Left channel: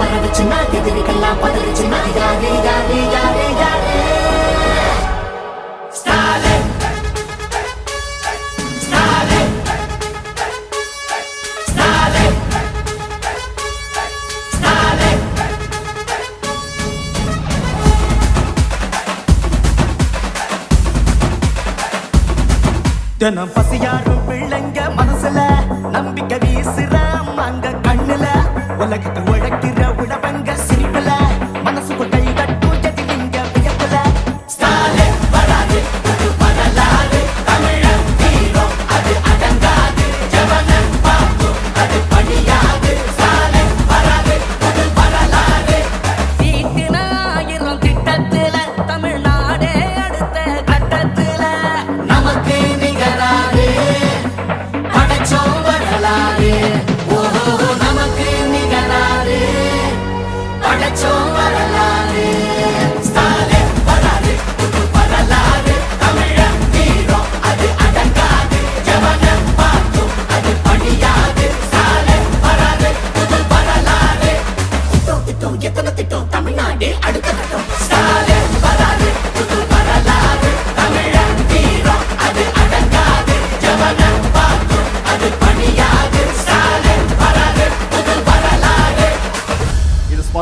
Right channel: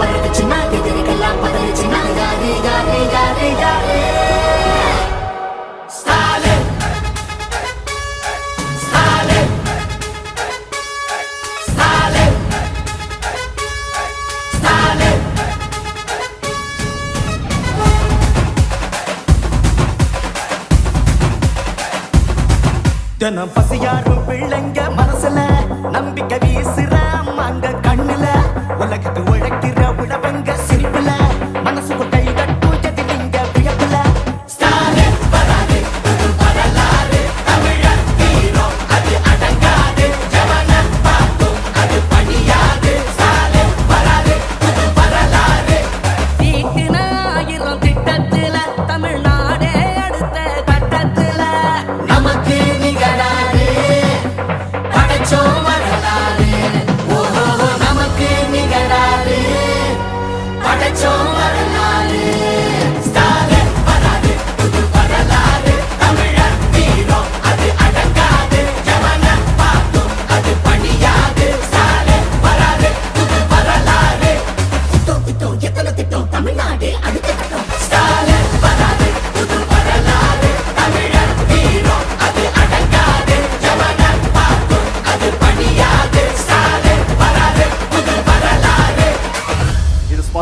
பரவச்சுன்னா எதிரிகள்லாம் பதறிச்சுன்னா யாரு யாரு யாரு யாரு தினம் பசியாரும் பிள்ளைங்க மனசுல நம்பிக்கை வீசுற அம்மாங்க கண்ணுல உலகத்து உழைக்கிற உழவங்க சிரிப்புல மனசுக்குள் கை தட்டும் எதிரிங்க வியப்புல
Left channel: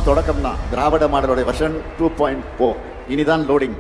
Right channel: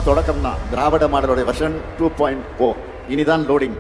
தொடக்கம் தான். திராவிட மாடலோட வெர்ஷன் 2.0 இனிதான் லோடிங்.